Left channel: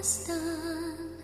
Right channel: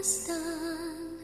kumusta ang?